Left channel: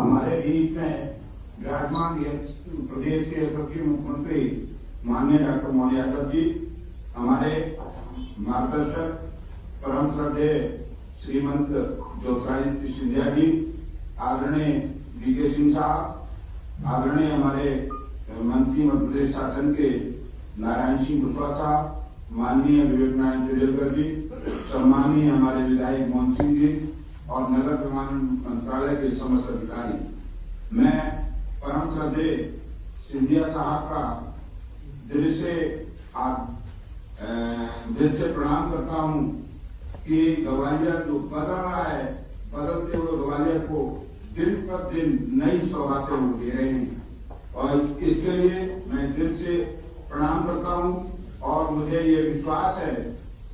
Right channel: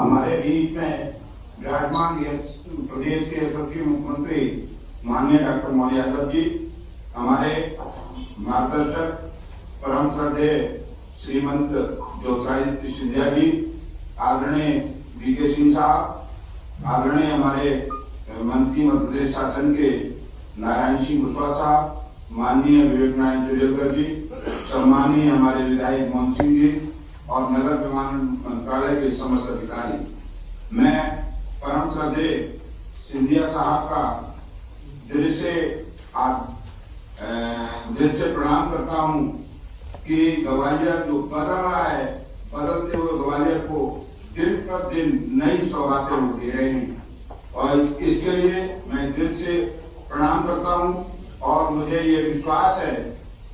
हमारे बीच में विराजमान प्रदेश के यशस्वी मुख्यमंत्री माननीय डॉक्टर मोहन यादव जी, हमारे मार्गदर्शक परम श्रद्धेय श्रीमंत ज्योतिरादित्य सिंधिया जी, आदरणीय वीके सिंह साहब, आदरणीय हमारे मंत्री मध्य प्रदेश शासन के नारायण सिंह कुशवाहा साहब, माननीय विवेक नारायण चौधरी जी, सम्मानीय हमारे विधायक मोहन सिंह जी और नगर निर्माण मंत्रालय के समस्त अधिकारी, मैं परम श्रद्धेय सिंधिया साहब का दिल से प्रणाम करता हूं कि ग्वालियर जो बदल रहा है, बदलते हुए ग्वालियर को दिन पर दिन नई सौगातें वो दे रहे हैं और इसके लिए मैं दिल से प्रणाम करता हूं। और मुझे ये विश्वास है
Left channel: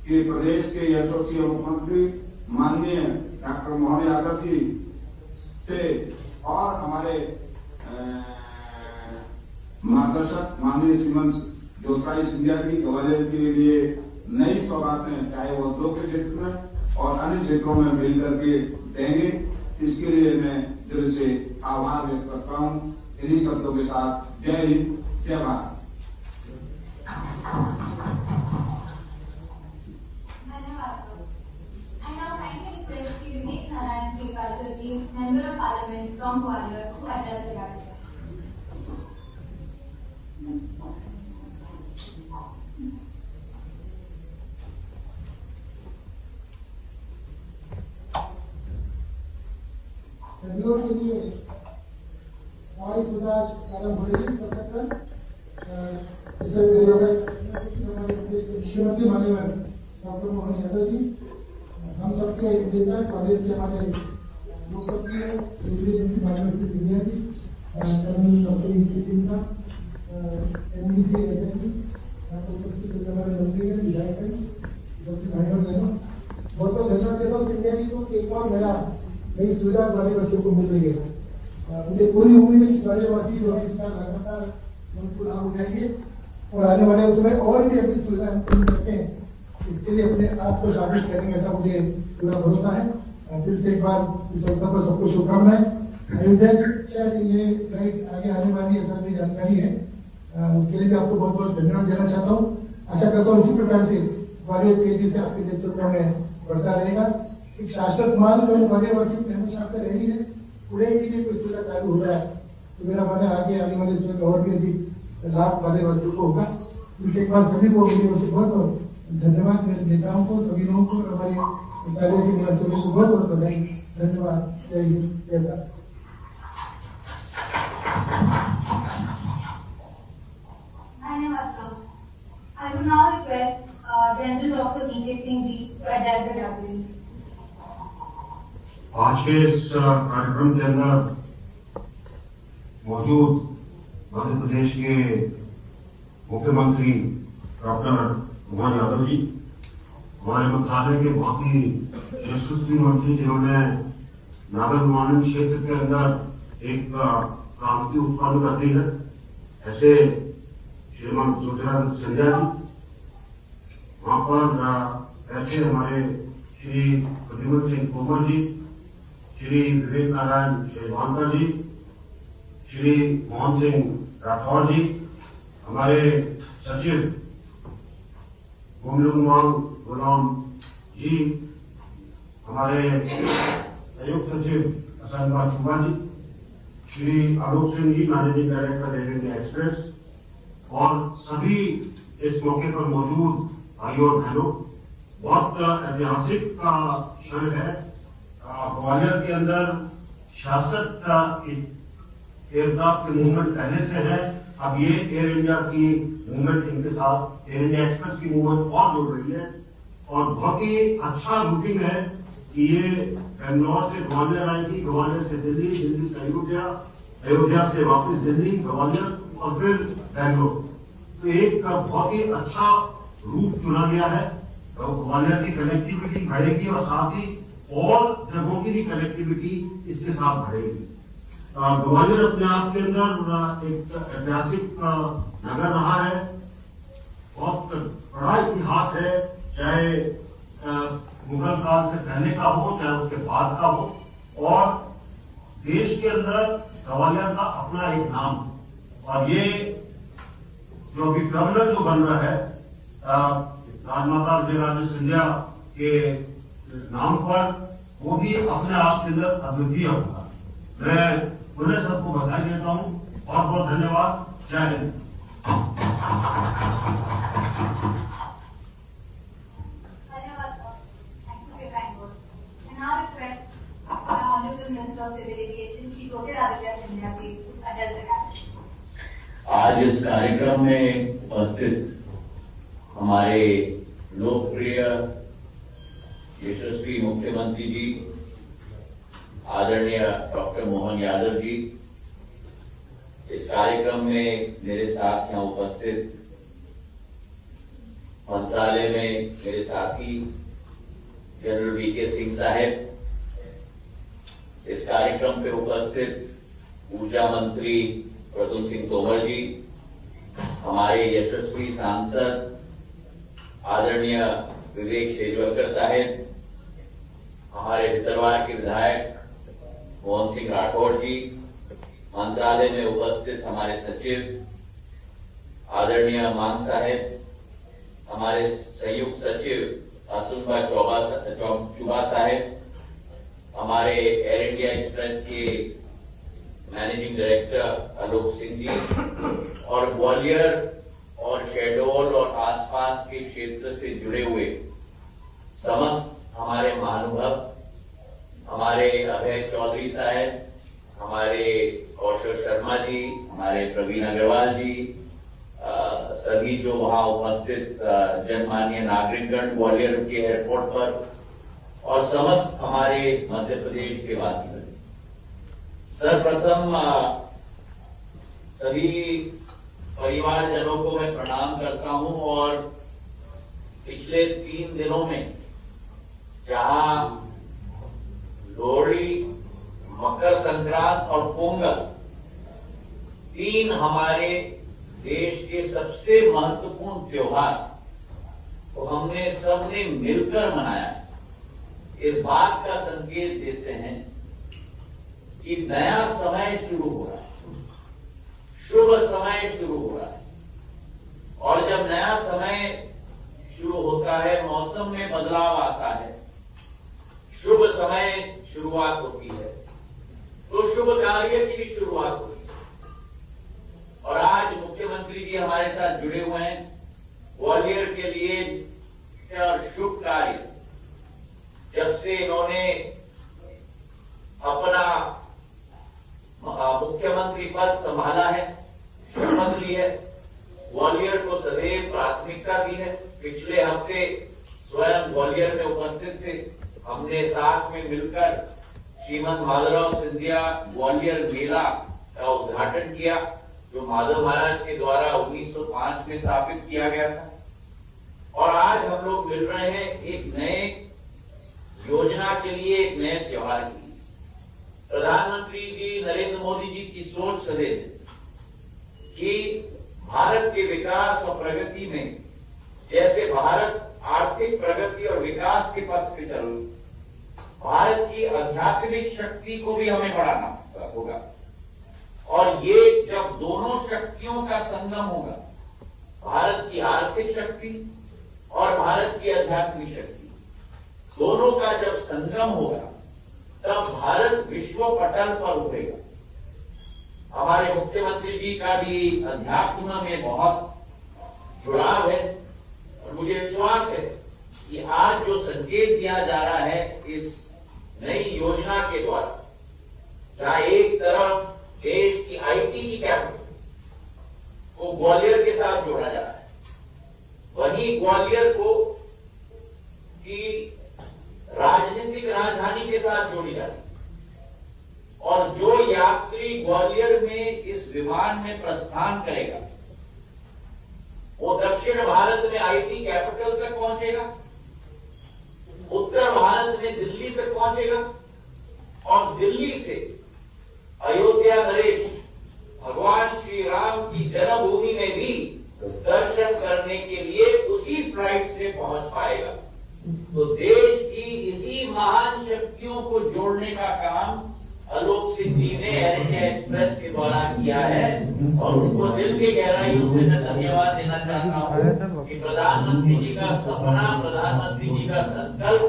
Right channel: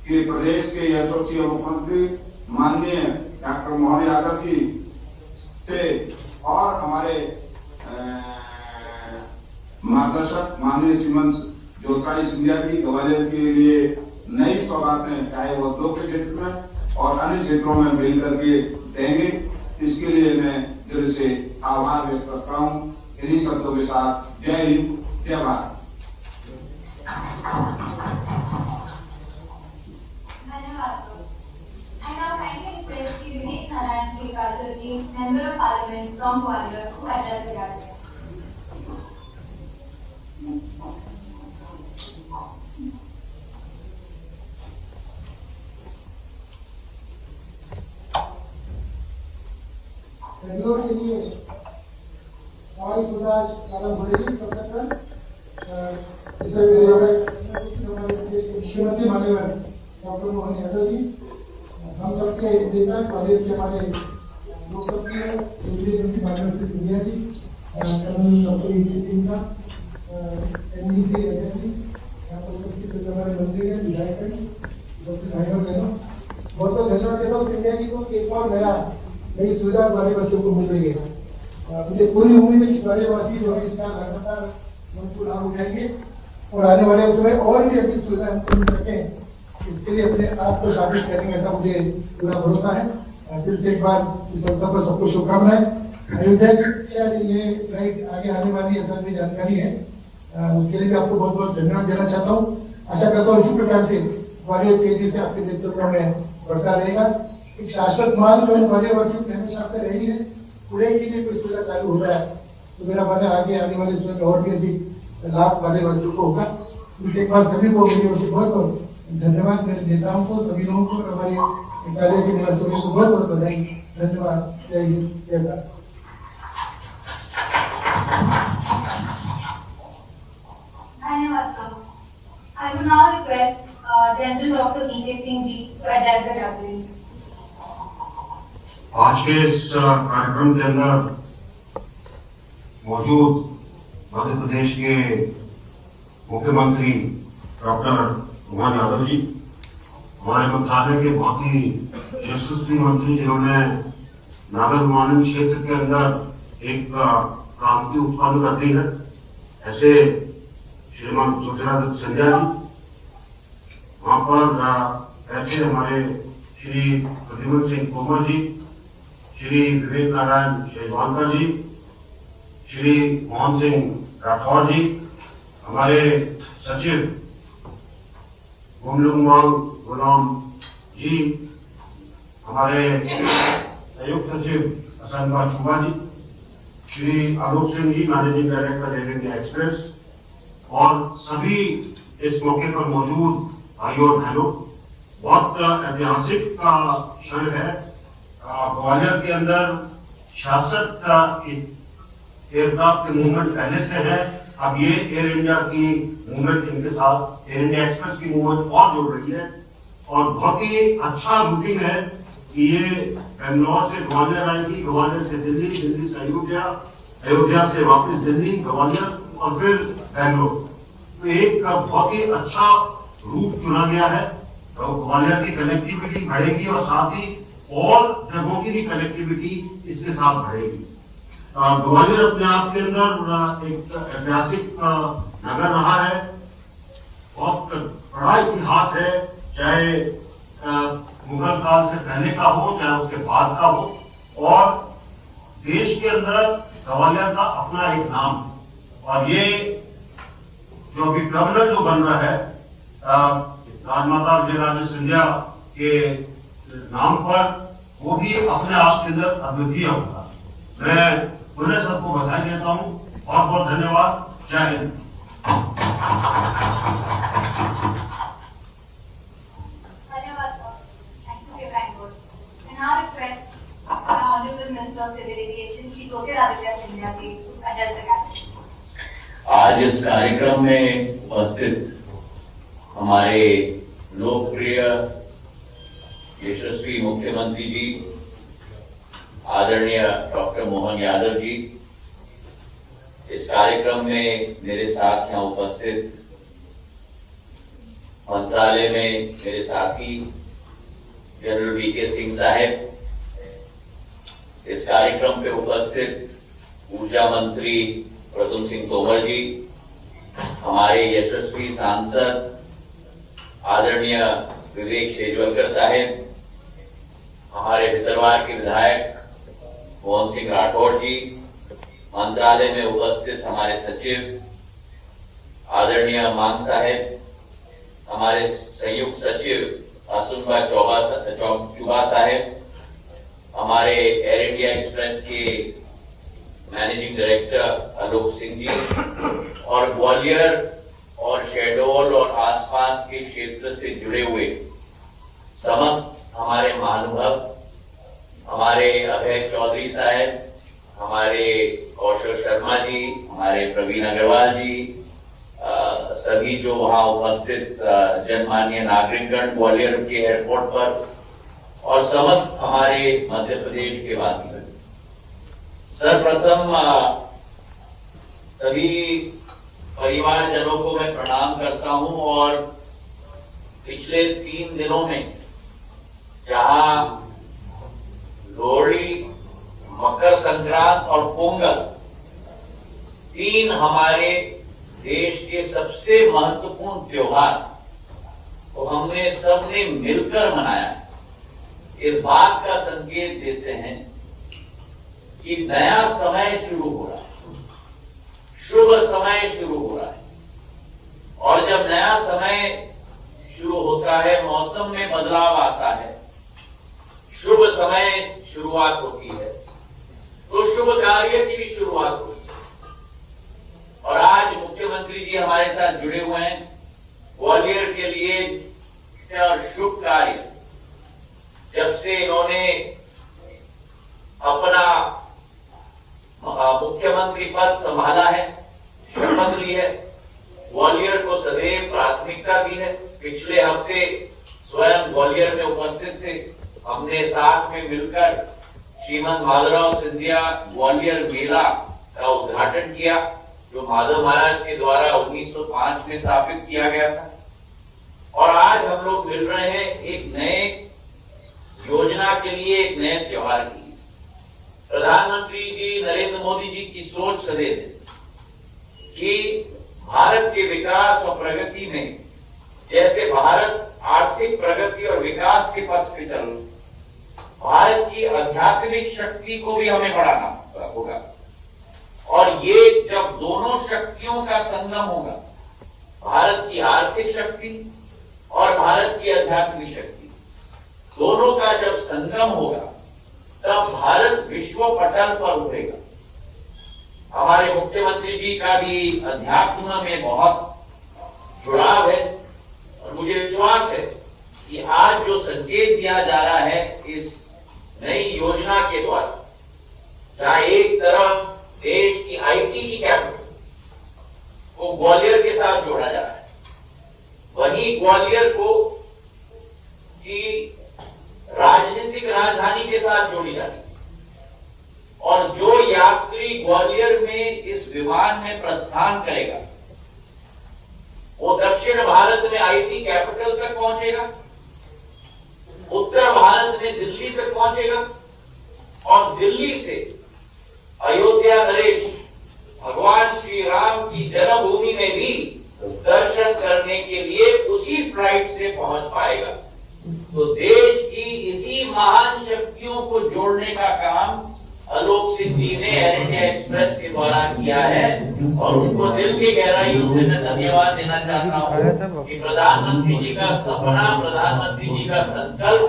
कि प्रदेश के यशस्वी मुख्यमंत्री माननीय डॉक्टर मोहन यादव जी से और हमारे मार्गदर्शक माननीय श्रीमंत ज्योतिरादित्य सिंधिया जी ग्वालियर के लिए नई सौगातें, चाहे वो उद्योग के क्षेत्र में और अन्य क्षेत्रों में मिल करके देंगे। इसके लिए मैं दिल से आभार व्यक्त करता हूं। इन्हीं शब्दों के साथ जय हिंद, जय Bharat. Member of Parliament from Gwalior to address the gathering. Bangalore के लिए हवाई सुविधा प्रारंभ हो रही है। सबसे पहले इसे मुख्यमंत्री माननीय डॉक्टर मोहन यादव जी, हम सबके नेता ग्वालियर के हमारे लोकप्रिय केंद्रीय मंत्री माननीय Scindia ji, colonel doctor VK Singh साहब, एनडीसी अध्यक्ष जी, उपस्थित हमारे मंत्री हैं, विधायक हैं, सबके भाइयों बहनों, बहुत बहुत धन्यवाद देता हूँ सिंधिया जी को कि एक और नई सुविधा ग्वालियरवासियों को मिल रही है। मुझे पूरी उम्मीद है कि ग्वालियरवासी जो है इस साल लगातार उनको लाभ उठाएंगे और आने वाले समय और भी अधिक सुविधा हमको मिल सके, इसके लिए अपने आप को शामिल करेंगे, ऐसा मुझे पूरा भरोसा है। फिर से एक बार इस अवसर पर सबको शुभकामनाएं। अयोध्या की शायद ये राइट आगे आने वाली ऐसा भी जानकारी है, उसके लिए भी आपको बहुत बहुत धन्यवाद देना चाहता हूँ। आशा करता हूँ इसी प्रकार से ग्वालियर तेजी से आपके नेतृत्व में बढ़ता रहेगा। एक शाश्वत मांग जो ग्वालियरवासियों की हमेशा से रही है, पुणे के लिए कोई सुविधा चालू हो रहा है तो मेरा मन है आगे आने वाले समय में और भी अधिक लाभ ग्वालियरवासियों को होगा। इससे एक बार सभी को मेरी ओर से बहुत बहुत धन्यवाद, मेरे नेताओं को, सभी लोगों को, हमारे कार्य के निवासियों को बहुत बहुत बधाई, धन्यवाद। जय हिंद, जय भारत। धन्यवाद sir. I will now request General Dr. VK Singh ji to address the gathering. आज के इस कार्यक्रम के अंदर मौजूद मध्य प्रदेश के मुख्यमंत्री डॉक्टर मोहन यादव जी, हमारे मंत्रालय के बहुत ही यशस्वी मंत्री जिन्होंने नागर विमानन क्षेत्र के अंदर एक क्रांति उत्पन्न कर दी है, ऐसे श्रीमान ज्योतिरादित्य सिंधिया जी, वहां पर ऐसे हमारे श्री प्रद्युम्न सिंह तोमर जी, श्री विवेक नारायण चौधरी जी, श्री मोहन सिंह राठौर जी, हमारे सचिव गुलाम जी, हमारे संयुक्त सचिव असंगबाद Shubha ji, Shri Alok Singh ji, managing director Air India Express, और सभी इस मौके पर मौजूद भाइयों और बहनों, बहुत ऐतिहासिक क्षण है। ग्वालियर के अंदर 66 एयरक्राफ्ट के मूवमेंट पहले से है, अब ये एयर इंडिया की मूवमेंट इनके साथ एयर इंडिया एक्सप्रेस की मूवमेंट और जुड़ रही है और बहुत ही अच्छा रूटिंग है कि ये बेंगलोर से ग्वालियर आएगी, ग्वालियर से दिल्ली, दिल्ली से अयोध्या, अयोध्या से वापस दिल्ली, ग्वालियर और फिर बेंगलोर। तो एक बहुत ही अच्छा रूट चुना गया है। तो ग्वालियर की कनेक्टिविटी बढ़ेगी और साथ ही और जगहों की भी कनेक्टिविटी इसके साथ बढ़ेगी। ग्वालियर अपने आप के अंदर एक ऐतिहासिक नगर रहा है, बहुत बड़ा इतिहास है, चाहे मुगल काल से पहले का हो चाहे उसके बाद का हो, और देश के अंदर ग्वालियर का अपना एक नाम, और ये जो अभी टर्मिनल जो बन रहा है राजमाता विजयराजे सिंधिया के नाम पर, वो भी अपने आप के अंदर अद्वितीय होगा। मैं उन्हें सबको बधाई देता हूं। बहुत बहुत धन्यवाद। जय हिंद। धन्यवाद sir, thank you for your kind words. I now request our Honorable Minister of Civil Aviation, Shri Jyotiraditya Scindia ji, to address the cabinet. आज इस कार्यक्रम में उपस्थित हमारे लोकप्रिय यशस्वी मुख्यमंत्री जी आदरणीय डॉक्टर मोहन यादव जी, इस कार्यक्रम में मेरे साथ यहाँ उपस्थित मंत्रालय में मेरे साथी जनरल वीके सिंह साहब, इस कार्यक्रम पे उपस्थित ऊर्जा मंत्री प्रद्युम्न सिंह तोमर जी, हमारे यशस्वी सांसद आदरणीय विवेक शेजवलकर साहब, हमारे भितरवार के विधायक मोहन सिंह राठौड़ जी, मंत्रालय में उपस्थित हमारे सचिव आदरणीय मान साहब, हमारे संयुक्त सचिव असुनबा चुबा साहब, हमारे एयर इंडिया एक्सप्रेस के मैनेजिंग डायरेक्टर आलोक सिंह जी, और ग्वालियर और शहडोल और आसपास के क्षेत्र से जुड़े हुए समस्त हमारे महानुभाव, हमारे अभय चौधरी साहब, हमारे कौशल शर्मा जी, हमारे प्रवीण अग्रवाल जी, सभी जो वहां उपस्थित जनमान्य नागरिकगण ग्वालियर के एयरपोर्ट पर, और समस्त हमारे मध्य प्रदेश के वासीगण, सर्वप्रथम सभी परिवारजनों को मैं प्रणाम करता हूं। और पिछले 3 दिनों में जहां लोहड़ी, मकर संक्रांत और पोंगल 3 हमारे देश के सबसे महत्वपूर्ण त्योहार को हमने सबने मिलकर मनाया, इस बात का संकेत देते हैं कि नया समय शुरू हो रहा है, शुभ समय शुरू हो रहा है। और जब नया समय शुरू होता है, मौसम में बदलाव आता है, शुभ समय शुरुआत होती है, तो शुभ कार्य की भी शुरुआत होती है। और आज मुख्यमंत्री जी हमारे साथ जुड़े हुए हैं ग्वालियर के लिए शुभ कार्य। जब से इन्होंने अपना मुख्यमंत्री पद संभाला है, शपथ ली है, ग्वालियर को सदैव प्राथमिकता दी है। पिछले हफ्ते स्वयं ग्वालियर में उपस्थित थे, हमने साथ में मिलकर श्रीमंत माधवराव सिंधिया ग्वालियर मेला का उद्घाटन किया, जो माधव महाराज के द्वारा 1905 में स्थापित किया गया था। और आज हम लोग मिल रहे हैं एक नए योजना के लिए, एक नए त्योहार के लिए। प्रधानमंत्री जी नरेंद्र मोदी जी की सोच सदैव है कि भारत के विकास और प्रगति में, जैसे भारत आर्थिक प्रगति और विकास के पथ पे चल, भारत की आध्यात्मिक शक्ति को भी हमें बढ़ाना होगा। और ये जब दोनों शक्तियों का संगम होगा, भारत की आर्थिक शक्ति और भारत की आध्यात्मिक शक्ति, दोनों का जब संगम होगा, तब भारत विश्व पटल पर उठेगा। हमारे मुख्यमंत्री जी का भी अध्यात्म में बहुत जुड़ाव है, और मुझे विश्वास है कि आज जो संकेत दिया जा रहा है इस नई योजना के द्वारा, जहां एक तरफ देश की आईटी की कैपिटल को ग्वालियर के साथ जोड़ा जा रहा है, वहीं ग्वालियर को की राजनीतिक राजधानी के साथ जोड़ी जा रही है। और जो यात्री ग्वालियर में इस विमान में प्रस्थान करेगा, वो दक्षिण भारत में आईटी कैपिटल तक पहुंचेगा, उत्तर भारत में दिल्ली तक पहुंचेगा, और दिल्ली से अयोध्या नरेश भगवान श्री राम की जन्मभूमि में भी दर्शन करने के लिए उसी फ्लाइट से पहुंच पाएगा। तो देश की इसी महान शक्तियों को जोड़ने का काम आलोक सिंह जी ने एयर इंडिया एक्सप्रेस के द्वारा किया है, और उनको दिल की गहराइयों से मैं धन्यवाद देना चाहता हूँ कि प्रधानमंत्री जी का सपना, प्रधानमंत्री जी का संकल्प,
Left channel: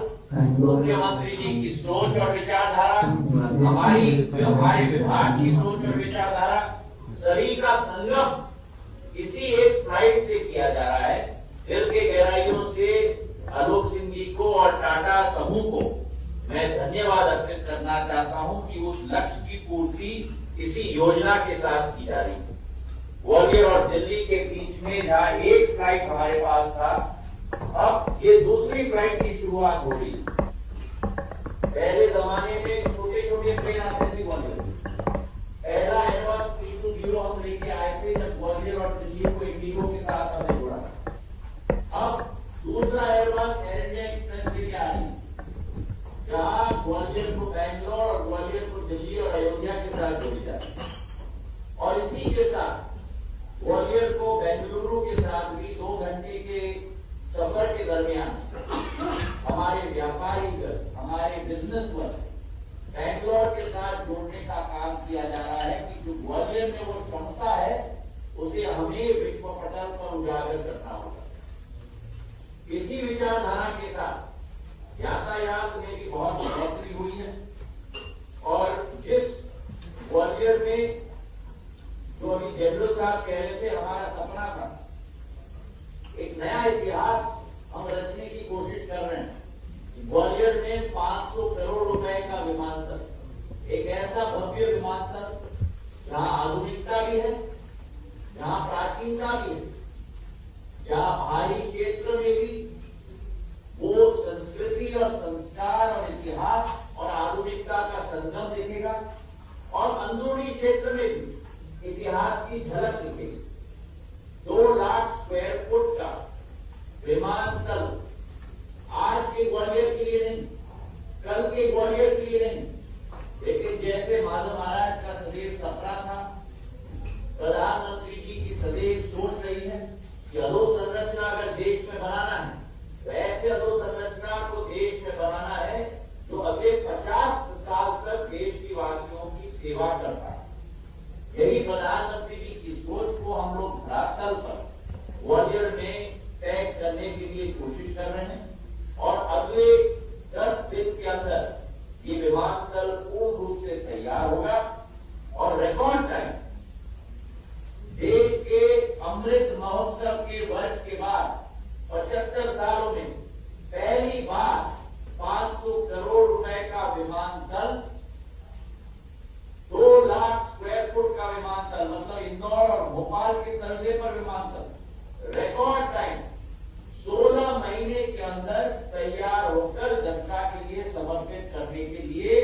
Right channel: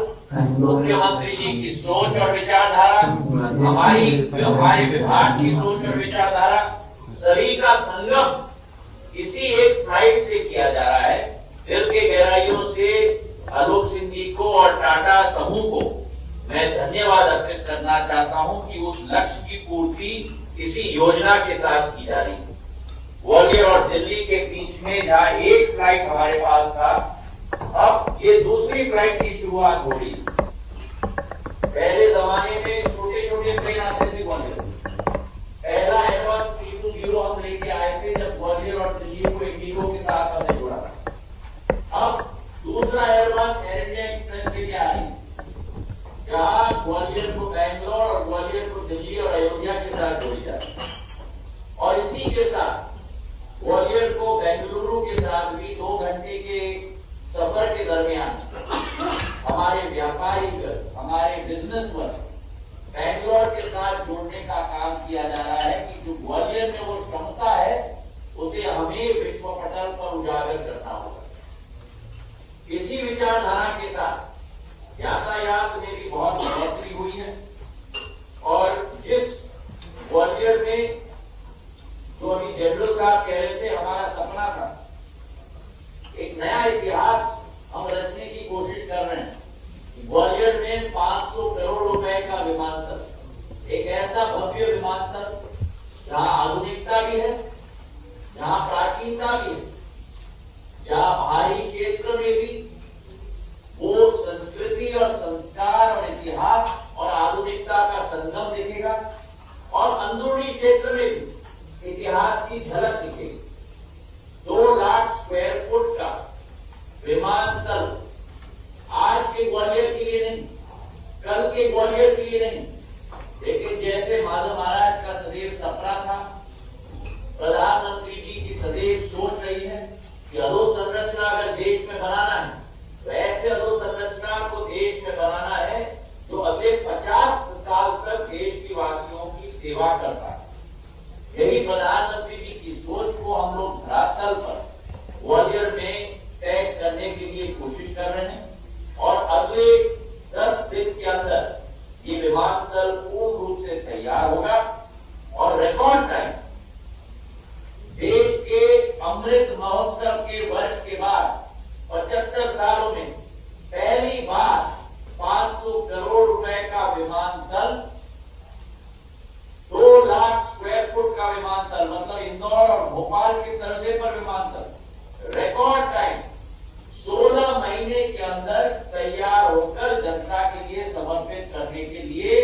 मुख्यमंत्री जी की सोच और विचारधारा, हमारे विभाग की सोच और विचारधारा, सभी का संगम इसी एक फ्लाइट से किया जा रहा है। दिल के गहराइयों से आलोक सिंह जी को और टाटा समूह को मैं धन्यवाद अर्पित करना चाहता हूं कि उस लक्ष्य की पूर्ति इसी योजना के साथ की जा रही है। ग्वालियर और दिल्ली के बीच में जहां एक फ्लाइट हमारे पास था, अब ये दूसरी फ्लाइट की शुरुआत हो रही है। पहले जमाने में छोटे छोटे ट्रेन आते थे ग्वालियर। पहला एयरबस 320 हम लेके आए थे जब ग्वालियर और दिल्ली को इंडिगो के साथ हमने जोड़ा। अब दूसरा एयरबस एयर इंडिया एक्सप्रेस लेके आ रही है, जहां ग्वालियर को बैंगलोर और ग्वालियर को दिल्ली और अयोध्या के साथ जोड़ी जाती है। और इसी के साथ ग्वालियर को बेंगलुरु के साथ भी 2 घंटे के सफर के दरमियान हमारे व्यापारी, हमारे बिजनेसमैन बैंगलोर के साथ जोड़ने का काम किया जा रहा है कि जो ग्वालियर में वो क्षमता है उसे हमें विश्व पटल पर उजागर करना होगा। इसी विचारधारा के साथ यातायात में भी बहुत बढ़ोतरी हुई है, और जिस ग्वालियर में जो अभी जेडलो साहब कह रहे थे हमारा सपना था, एक नया इतिहास हम रचने की कोशिश कर रहे हैं। ग्वालियर में 500 करोड़ रुपए का विमानतल, एक ऐसा भव्य विमानतल जहां आधुनिकता भी है, जहां प्राचीनता भी है, जहां बाहरी क्षेत्र में भी वो संस्कृति और संस्कार और इतिहास और आधुनिकता का संगम दिखेगा, और अंदरूनी क्षेत्र में भी इतिहास की झलक दिखेगी। 2 लाख स्क्वायर फुट का विमानतल आज के ग्वालियर के लिए नहीं, कल के ग्वालियर के लिए नहीं, लेकिन जैसे माधव महाराज का सदैव सपना था, प्रधानमंत्री जी की सदैव सोच रही है कि अधोसंरचना अगर देश में बनाना है तो ऐसे अधोसंरचना को देश में बनाना है जो अगले 50 साल तक देश की वासियों की सेवा करता है। यही प्रधानमंत्री जी की सोच को हम लोग धरातल पर ग्वालियर में तय करने के लिए कोशिश कर रहे हैं, और अगले 10 दिन के अंदर ये विमानतल पूर्ण रूप से तैयार होगा, और रिकॉर्ड टाइम देश के अमृत महोत्सव के वर्ष के बाद 75 सालों में पहली बार 500 करोड़ रुपए का विमानतल, 2 लाख स्क्वायर फुट का विमानतल, मतलब इंदौर और भोपाल के तर्जे पर विमानतल, रिकॉर्ड टाइम 16 महीने के अंदर तैयार होकर जनता के लिए समर्पित करने के लिए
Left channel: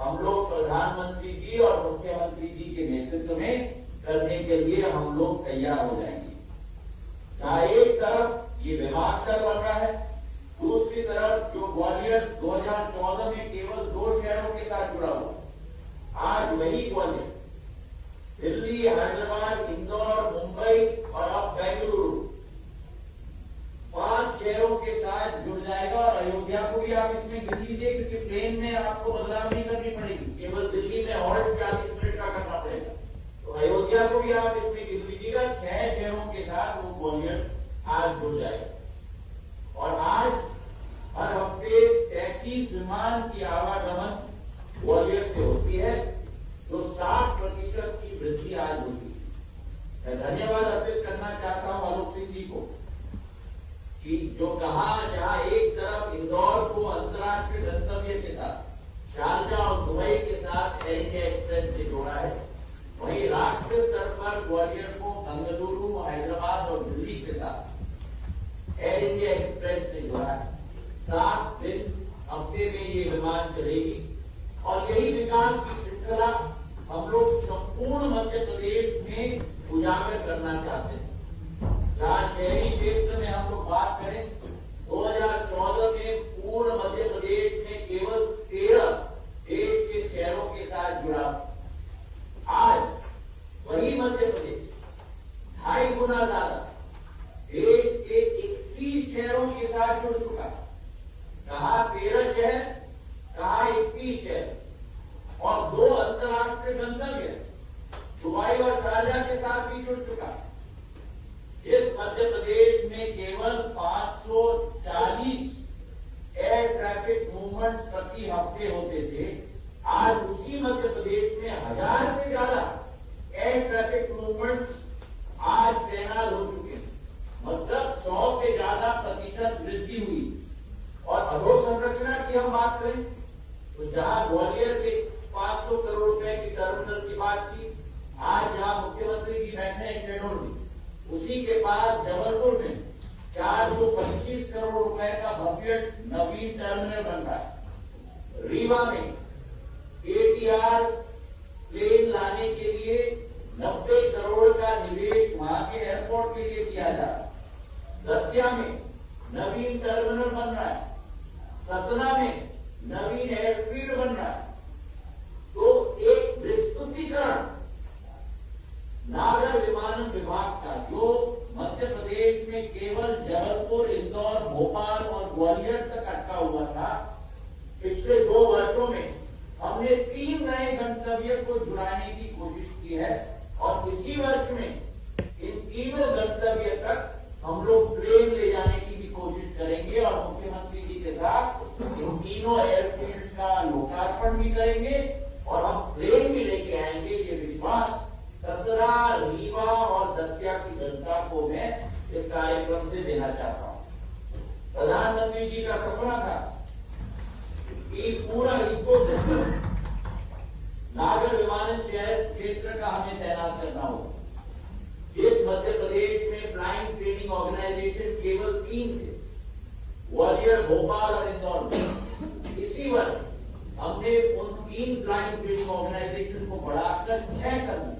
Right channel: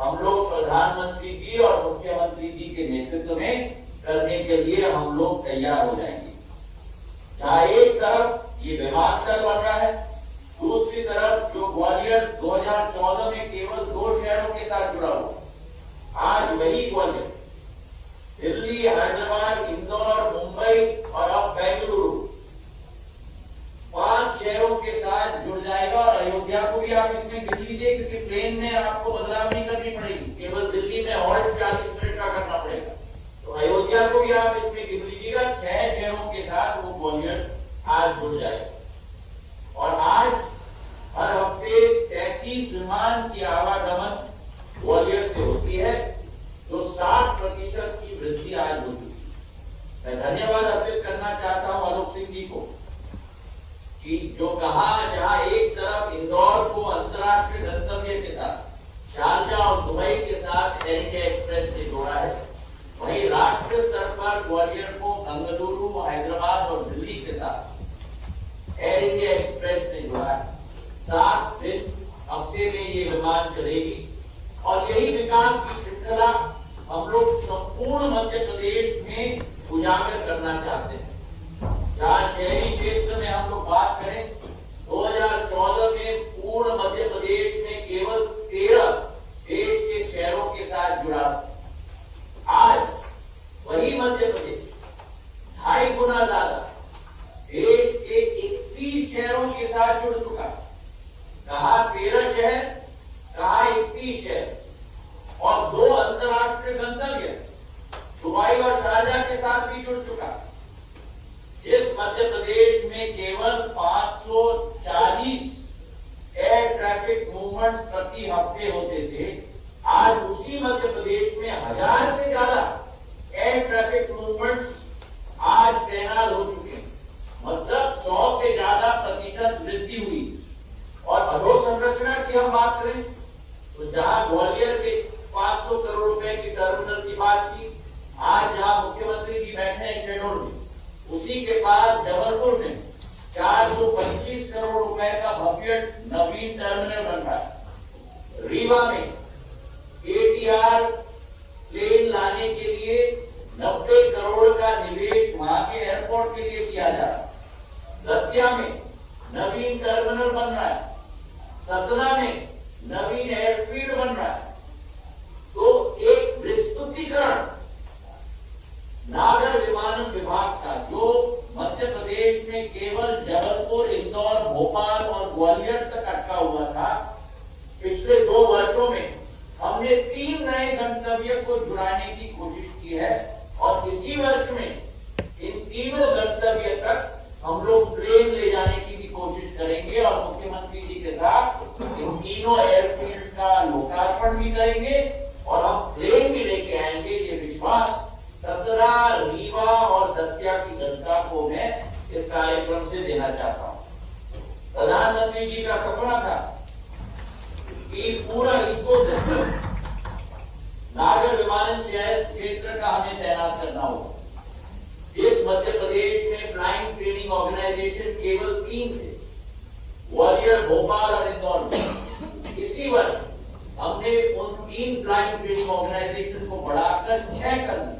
हम लोग प्रधानमंत्री जी और मुख्यमंत्री जी के नेतृत्व में करने के लिए हम लोग तैयार हो जाएंगे। जहां एक तरफ ये विमानतल बन रहा है, दूसरी तरफ जो ग्वालियर 2014 में केवल 2 शहरों के साथ जुड़ा हुआ, आज वही ग्वालियर दिल्ली, हैदराबाद, इंदौर, मुंबई और अब बेंगलुरु 5 शहरों के साथ जुड़ जाएगा। और अयोध्या को भी आप इसमें गिन लीजिए, क्योंकि ट्रेन में आपको बदलाव नहीं करनी पड़ेगी, केवल दिल्ली में हॉल्ट 40 मिनट का करना पड़ेगा। तो अयोध्या को भी आप इसमें गिन लीजिएगा, 6 शहरों के साथ वो ग्वालियर आज जुड़ जाएगा। और आज हर हफ्ते 33 विमान की आवागमन ग्वालियर से होती है, जो 60% की वृद्धि आज हो चुकी है। मैं धन्यवाद अर्पित करना चाहता हूं आलोक सिंह जी को कि जो कहा, जहां एक तरफ इंदौर को अंतर्राष्ट्रीय गंतव्य के साथ, शारजा और दुबई के साथ एयर इंडिया एक्सप्रेस ने जोड़ा है, वहीं राष्ट्रीय स्तर पर ग्वालियर को बेंगलुरु, हैदराबाद और दिल्ली के साथ एयर इंडिया एक्सप्रेस ने जोड़ा है। 7 दिन हफ्ते में ये विमान चलेगी, और यही विकास की श्रृंखला हम लोग संपूर्ण मध्य प्रदेश में उजागर करना चाहते हैं। जहां शहरी क्षेत्र में हम लोग बात करें, 2014 में पूर्ण मध्य प्रदेश में केवल 13 देश के शहरों के साथ जुड़ा, आज वही मध्य प्रदेश 2.5 गुना ज्यादा देश के 31 शहरों के साथ जुड़ चुका। कहा 13 शहर, कहा 31 शहर, और 2 अंतर्राष्ट्रीय गंतव्य दुबई और शारजाह के साथ भी जुड़ चुका है। इस मध्य प्रदेश में केवल 540 एयर ट्रैफिक मूवमेंट प्रति हफ्ते होते थे, आज उसी मध्य प्रदेश में 1000 से ज्यादा एयर ट्रैफिक मूवमेंट्स आज तैनात हो चुके हैं। मतलब 100 से ज्यादा प्रतिशत वृद्धि हुई। और अधोसंरचना की हम बात करें तो जहां ग्वालियर के 500 करोड़ रुपए की टर्मिनल की बात की, आज जहां मुख्यमंत्री जी बैठे हैं शेडोल में, उसी के पास जबलपुर में 425 करोड़ रुपए का भव्य नवीन टर्मिनल बन रहा है। रीवा में ATR प्लेन लाने के लिए 90 करोड़ का निवेश वहां के एयरपोर्ट के लिए किया जा रहा है। दतिया में नवीन टर्मिनल बन रहा है। सतना में नवीन एयरफील्ड बन रहा है। तो एक विस्तृतीकरण नागर विमानन विभाग का जो मध्य प्रदेश में केवल जबलपुर, इंदौर, भोपाल और ग्वालियर तक अटका हुआ था, पिछले 2 वर्षों में हमने 3 नए गंतव्य को जुड़ाने की कोशिश की है और इसी वर्ष में इन तीनों गंतव्य तक हम लोग प्लेन ले जाने की भी कोशिश करेंगे और मुख्यमंत्री जी के साथ इन तीनों एयरफील्ड का लोकार्पण भी करेंगे और हम प्लेन भी लेके आएंगे। ये विश्वास सतना, रीवा और दतिया की जनता को मैं इस कार्यक्रम से देना चाहता हूं। प्रधानमंत्री जी का सपना था कि पूरा इकोसिस्टम नागर विमानन क्षेत्र का हमें तैनात करना होगा। इस मध्य प्रदेश में फ्लाइंग ट्रेनिंग ऑर्गेनाइजेशन केवल 3 थे, ग्वालियर, भोपाल और इंदौर में। इसी वर्ष हमने उन 3 फ्लाइंग ट्रेनिंग ऑर्गेनाइजेशन को बढ़ाकर 6 कर दिया।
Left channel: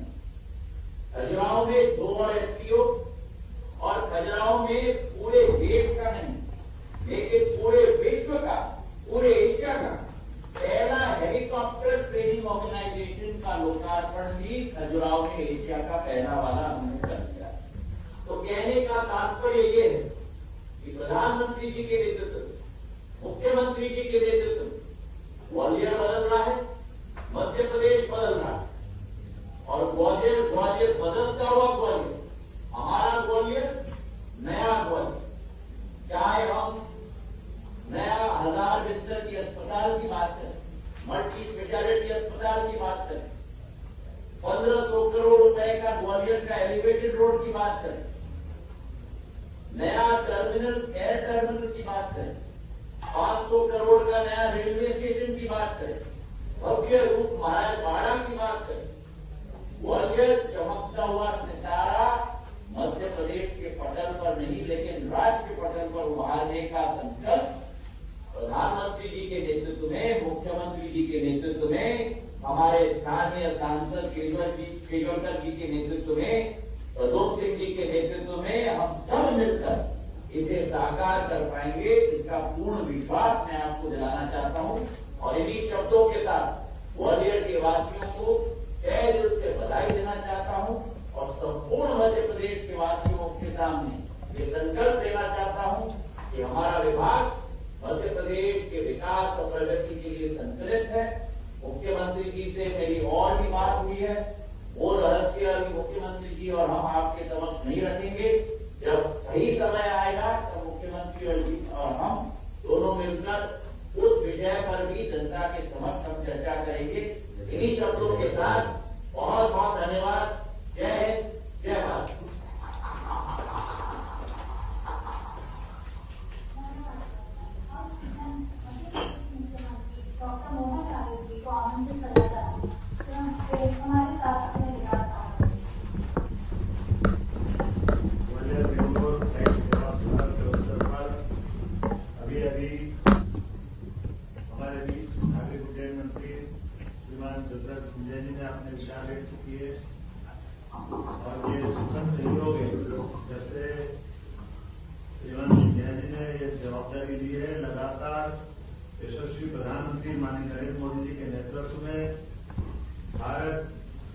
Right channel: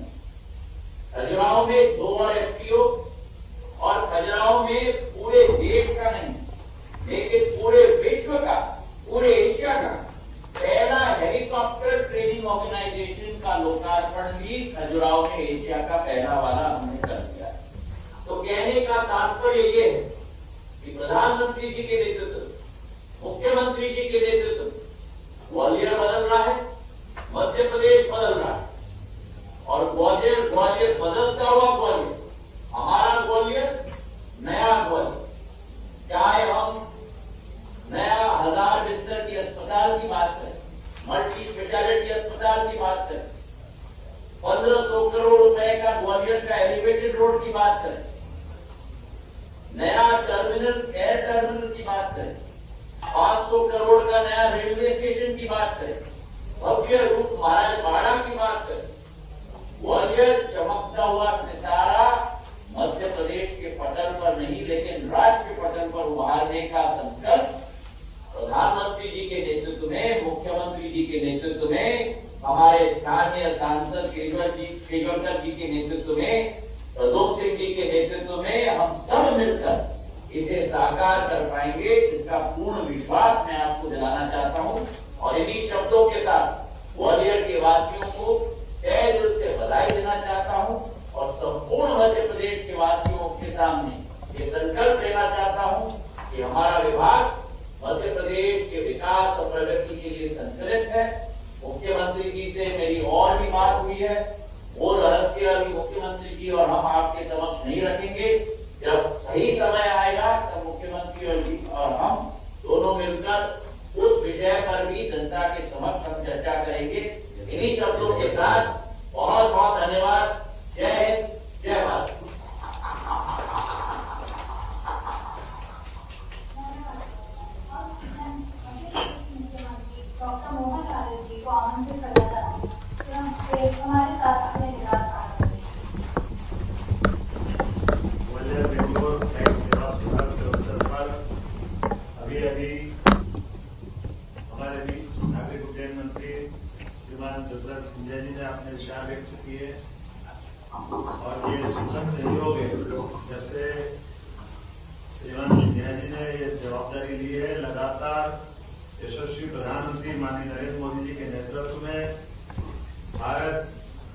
खजुराहो में 2 और FTO और खजुराहो में पूरे देश का नहीं लेकिन पूरे विश्व का, पूरे एशिया का पहला हेलीकॉप्टर ट्रेनिंग ऑर्गेनाइजेशन का लोकार्पण भी खजुराहो में एशिया का पहला वाला हमने कर दिया। तो कहने का तात्पर्य ये है कि प्रधानमंत्री जी के नेतृत्व, मुख्यमंत्री जी के नेतृत्व ग्वालियर बदल रहा है, मध्य प्रदेश बदल रहा है और ग्वालियर बदलता हुआ ग्वालियर, हमारा ग्वालियर, नया ग्वालियर। चाहे हम नया 1000 बिस्तर की अस्पताल की बात करें, मल्टी स्पेशलिटी अस्पताल की बात करें, 1500 करोड़ रुपए का ग्वालियर का एलिवेटेड रोड की बात करें, नया टर्मिनल, एयर टर्मिनल की बात करें, 500 करोड़ का नया रेलवे स्टेशन की बात करें, भव्य रूप महाराजवाड़ा की बात करें, ग्वालियर चमकता हुआ सितारा मध्य प्रदेश के पटल पर नहीं लेकिन राष्ट्र के पटल पर उभारने का संकल्प प्रधानमंत्री जी के नेतृत्व में, मुख्यमंत्री जी के नेतृत्व में, हमारे स्थानीय सांसद शेजवलकर जी के नेतृत्व में, प्रदोम सिंह जी के नेतृत्व में हम सब मिलकर इसे साकार कर पाएंगे, इसका पूर्ण विश्वास मैं आपको दिलाना चाहता हूं। और इन्हीं शब्दों के साथ ग्वालियर के वासियों को तहे दिल से बधाई देना चाहता हूं और संपूर्ण मध्य प्रदेश के वासियों के सामने ये संकल्प लेना चाहता हूं कि हमारा विभाग मध्य प्रदेश के विकास और प्रगति के लिए संकल्पित है। मुख्यमंत्री जी से मेरी और भी बात हुई है, वो रहस्य अभी मुख्यमंत्री जी और हम आपके समक्ष नहीं रखेंगे। जब सही समय आएगा तब मुख्यमंत्री और हम दोनों मिलकर उस विषय पर भी जनता के समक्ष हम चर्चा करेंगे। इन्हीं शब्दों के साथ बहुत बहुत धन्यवाद। जय हिंद, जय भारत। डॉक्टर मोहन यादव जी को आमंत्रित करना चाहते हैं कि हमारे साथ अपने विचार ग्वालियर बेंगलोर टैक्स सेवा अस्पताल के अवसर पर अभी हमारे बीच नागरिक उड्डयन मंत्री श्रीमान ज्योतिराज सिंधिया जी ने अपने विचार व्यक्त किए और ये सूचन सहयोग है। जैसे श्रीमान सिंधिया जी ने ये जवाबदारी ली है, लगातार यशस्वी प्रधानमंत्री माननीय नरेंद्र मोदी जी के नेतृत्व में भारत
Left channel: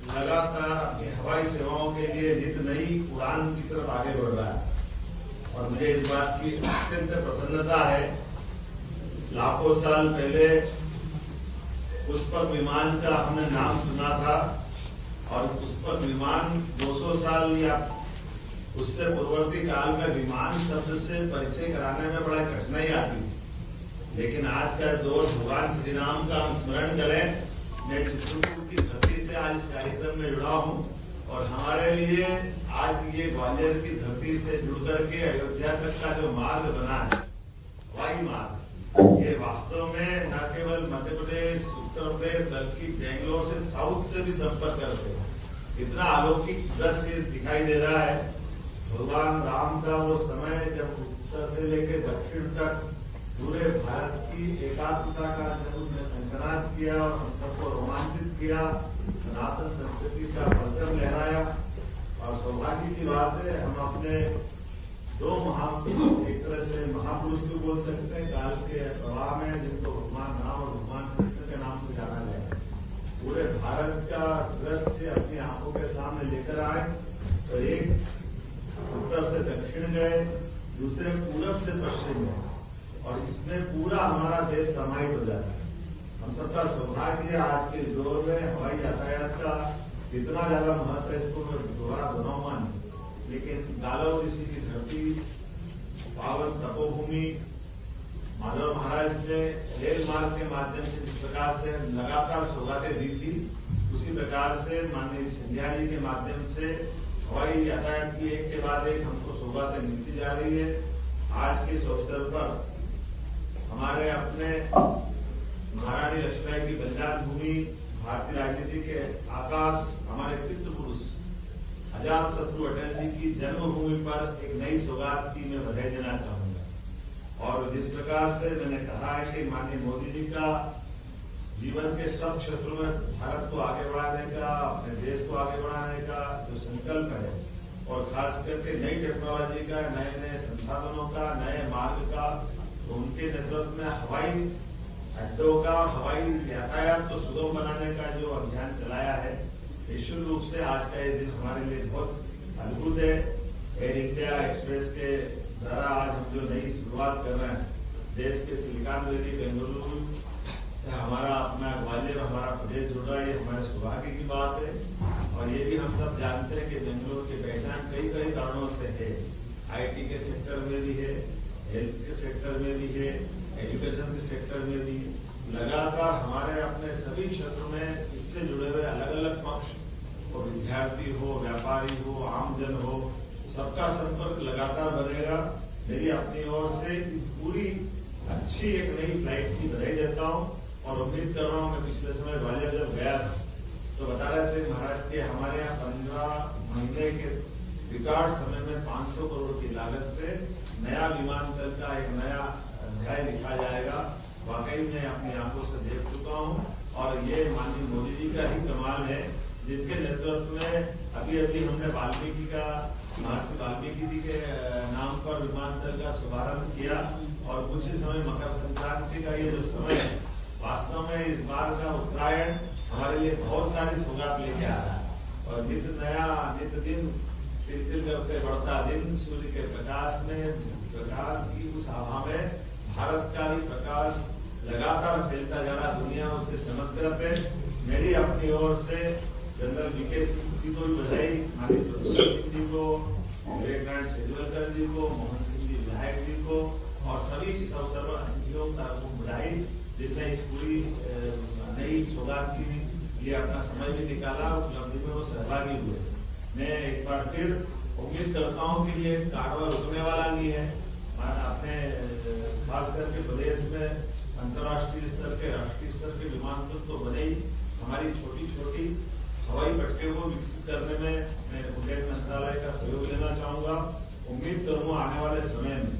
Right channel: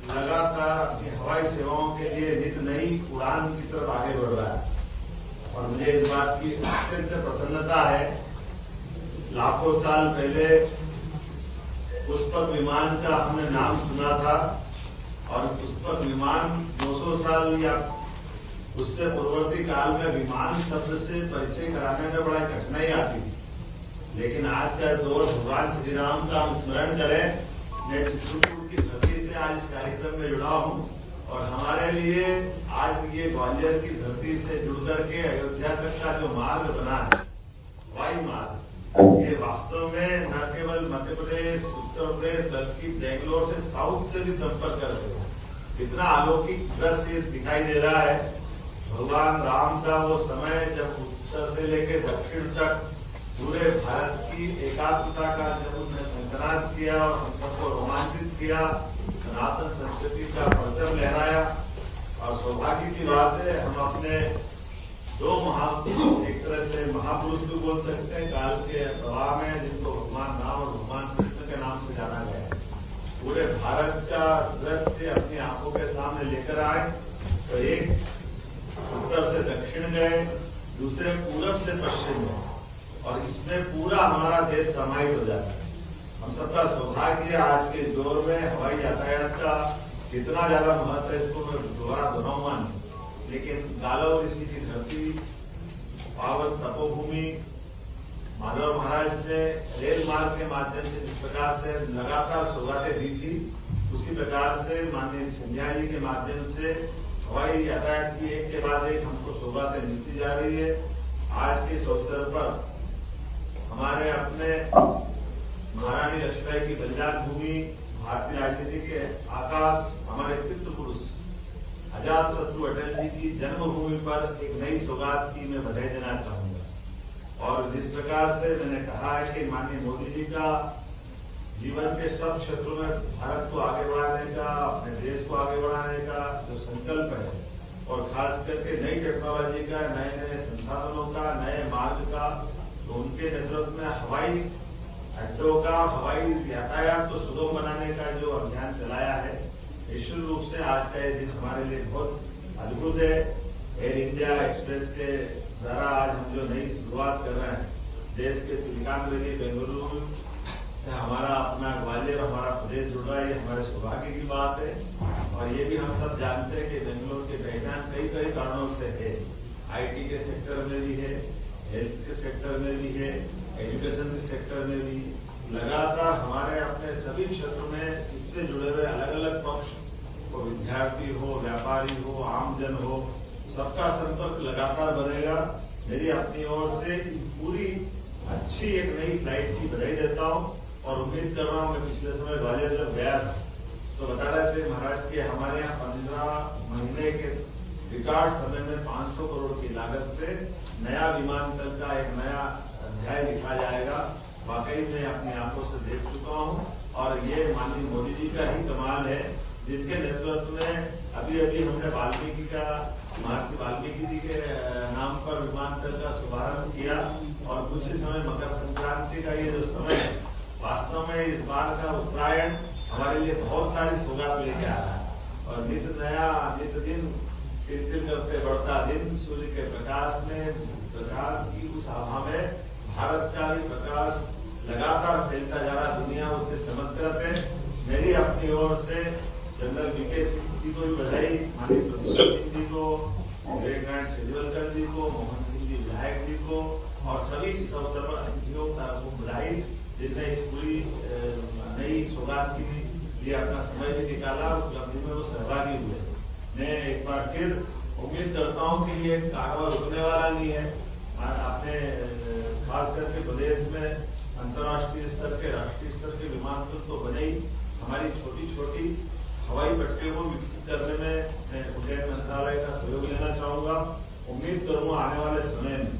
लगातार अपनी हवाई सेवाओं के लिए नित नई उड़ान की तरफ आगे बढ़ रहा है और मुझे इस बात की अत्यंत प्रसन्नता है। लाखों साल पहले पुष्पक विमान का हमने नाम सुना था और पुष्पक विमान 200 साल या उससे पूर्ववर्ती काल का विमान शब्द से परिचय कराने में बड़ा कठिनाई आती थी। लेकिन आज का दौर भगवान श्री राम का हम स्मरण करें। मैं चित्रकूट की धरती से आज इस कार्यक्रम में जुड़ा हूं और हमारे लिए आज ये ग्वालियर की धरती से जुड़ करके अयोध्या तक का जो मार्ग बना है, हवाई मार्ग, ये वास्तव में न केवल मध्य प्रदेश, उत्तर प्रदेश बल्कि बेंगलोर से साउथ से भी संपर्क करते हैं। कितना अलौकिक दृश्य दिखाई दे रहा है। भगवान राम का वो समय जब उत्तर से लेकर दक्षिण तक पूरे भारत की एकात्मता का जब उन्होंने संकरात किया और हम सबको रोमांचित किया, सनातन संस्कृति का परचम लहराया। और सौभाग्य की बात है हम अपने दो एक तरह से महापुरुष को बोल सकते हैं काल के प्रवाह में, जिनको भगवान राम और भगवान कृष्ण के नाम से जाना गया है। पूरे भारत का दृश्य अपनी आंखों के सामने लेकर आए। तो एक उत्तर से दक्षिण गए, दूसरे पूरब से पश्चिम गए और इसमें पूरा हमारा देश समाहित हो जाता है। हम सबका सौभाग्य आज के दौर में हवाई यातायात का कितना ज्यादा महत्व है इसको मैं दोबारा दोहराऊंगा नहीं। लेकिन गालव ऋषि की धरती, पावन तपोभूमि, माधव महाराज ने रेल मार्ग के माध्यम से जिस प्रकार से लगातार सौगातें दी थी, उसी प्रकार से माननीय सिंधिया जी के माध्यम से हवाई यातायात की एक के बाद एक हमको सौगातें मिलती जा रही है। आज के इस अवसर पर हमारे अपने महारानी लक्ष्मीबाई की बलिदान भूमि, भारतीय राजनीति के आकाश, हमारे पितृपुरुष आजाद शत्रु अटल जी की जन्मभूमि पर एक नई सौगात की मैं बधाई देना चाहूंगा। और जिस प्रकार से मैंने कहा है कि माननीय मोदी जी का जीवन के सब क्षेत्रों में भारत को आगे बढ़ाने का, अपने देश को आगे बढ़ाने का जो संकल्प है और खास करके नई टेक्नोलॉजी का, नए नए संसाधनों का, नए मार्ग का, तो उनके नेतृत्व में हवाई अड्डों का, हवाई यातायात को सुगम बनाने का जो अभियान चलाया है, निश्चित रूप से आज का ये दिन हमारे लिए बहुत अद्भुत है। एयर इंडिया एक्सप्रेस के द्वारा आज हम जो नई शुरुआत कर रहे हैं, देश के सिलिकॉन वैली बेंगलुरु से हमारा अपना ग्वालियर, हमारा प्रदेश जुड़ रहा है, ये हमारे सौभाग्य की बात है। और ये भी हम सब जानते हैं कि बेंगलुरु की पहचान कई कारणों से है। IT के सेक्टर में भी है, हेल्थ के सेक्टर में भी है, एजुकेशन के सेक्टर में भी। लगातार हमारे अपने सभी क्षेत्रों में इससे जुड़े हुए अलग अलग पक्ष, वो विद्यार्थी हो, व्यापारी हो, आमजन हो, सबका संपर्क लगातार बनेगा। मेरी अपनी ओर से पूरी अच्छी एक नई फ्लाइट की बधाई देता हूँ और उम्मीद कर रहा हूँ। मैं पिछले समय ग्वालियर जब गया था तो बता रहे थे महाराज के हमारे यहाँ 15 महीने के रिकॉर्ड समय में 500 करोड़ की लागत से नया विमानतल का एक नया अध्याय लिखा जाएगा। वाकई में अपनी आंखों से देख चुका हूँ और ये माननीय मोदी जी का ही कमाल है, जिनके नेतृत्व में अभी हमने वाल्मीकि का, महर्षि वाल्मीकि जी के नाम पर विमानतल का शुभारंभ किया और दूसरे समय मकर संक्रांति का ये जो समय है, वास्तव में इस बार का उत्तरायण हमारे लिए बहुत सारी सौगात लेके आ रहा है। और नित्य दिन तिल करते बढ़ता दिन, सूर्य के प्रकाश में, प्रकाश की उस आभा में भारत का भी प्रकाश लगातार फैलता जा रहा, दुनिया उससे चमत्कृत है। मेरी अपनी ओर से जनरल VK सिंह जी को भी बधाई, माननीय प्रद्युम्न सिंह जी को, विवेक नारायण शेजवलकर जी को, मोहन सिंह जी विधायक जी को और सभी इस अवसर पर अतिथियों का बधाई, जिसने इस पूरी नई सौगात के लिए अपना समय भी निकाला और उपलब्धि में वो सहभागी हुए। मैं एक बार फिर उम्मीद करता हूँ कि ये कारवां रुकने वाला नहीं है। अपने खास करके प्रदेश में अंतर्राष्ट्रीय स्तर के, राष्ट्रीय स्तर के विमानतल तो बने ही, हमारी छोटी छोटी हवाई पट्टियों को विकसित करने में उड्डयन मंत्रालय का सहयोग लेना चाहूंगा। उम्मीद करूंगा आने वाले समय में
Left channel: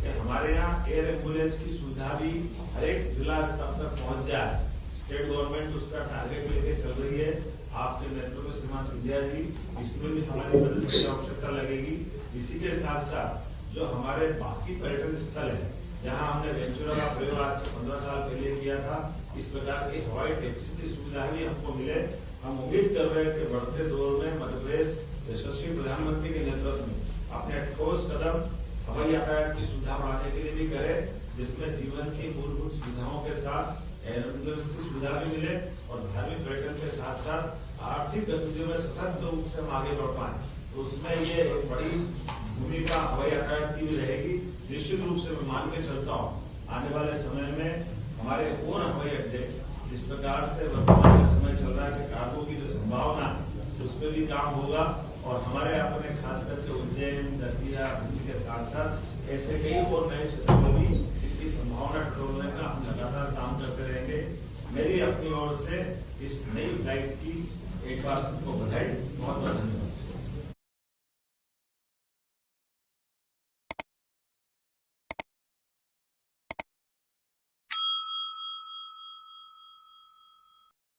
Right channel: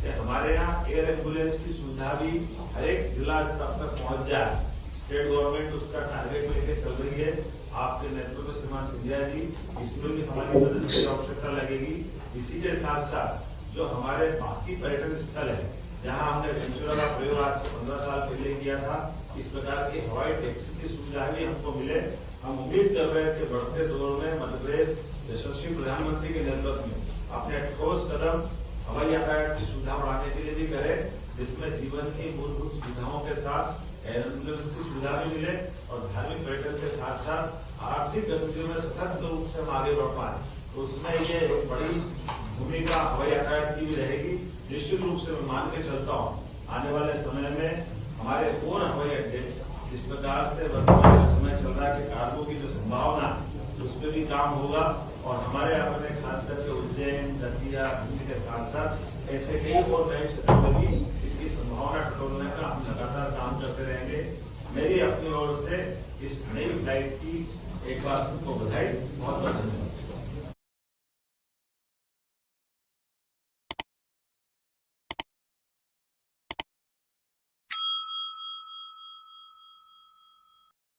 कि हमारे यहाँ एयर एम्बुलेंस की सुविधा भी हर एक जिला स्तर तक पहुंच जाए। स्टेट गवर्नमेंट उसका टारगेट लेकर चल रही है। आपके नेतृत्व श्रीमान सिंधिया जी, इसमें भी हमारी मदद की आवश्यकता लगेगी। इसी के साथ साथ जो हमारे बाकी पर्यटन स्थल है, जहां हमने वेंचुरा का प्रयोग आज से 15 साल पहले किया था, इस प्रकार की हवाई टैक्सी की सुविधा भी हमको मिले। हम उम्मीद कर रहे हैं कि बढ़ते दौर में मध्य प्रदेश यशस्वी प्रधानमंत्री के नेतृत्व में अपने ठोस कदम हवाई यातायात की सुविधा बढ़ाने के लिए भी करे, जिसमें जीवन की मूलभूत सुविधाओं के साथ मुझे उसकी सुविधा भी मिले और धार्मिक पर्यटन के साथ साथ आर्थिक गतिविधियों में सशक्त रूप से हम आगे बढ़ पाए। तो उसमें ये एक बड़ी भूमिका हवाई यातायात की भी रहेगी। निश्चित रूप से मैं मान के चलता हूँ आने वाले समय में हमारे पूर्ण हवाई अड्डे जिस प्रकार से वर्तमान समय चल रहा है कि कार्गो की जो संभावना है उसमें भी काम होगा और हमारे यहाँ में खास करके उज्जैन, दतिया के साथ साथ ऐसे कई और नए क्षेत्रों में भी इनकी संभावना टटोलने का हम लगातार काम करते रहेंगे। मेरी अपनी ओर से इस नई फ्लाइट की एक बार सबको बधाई, बहुत बहुत धन्यवाद।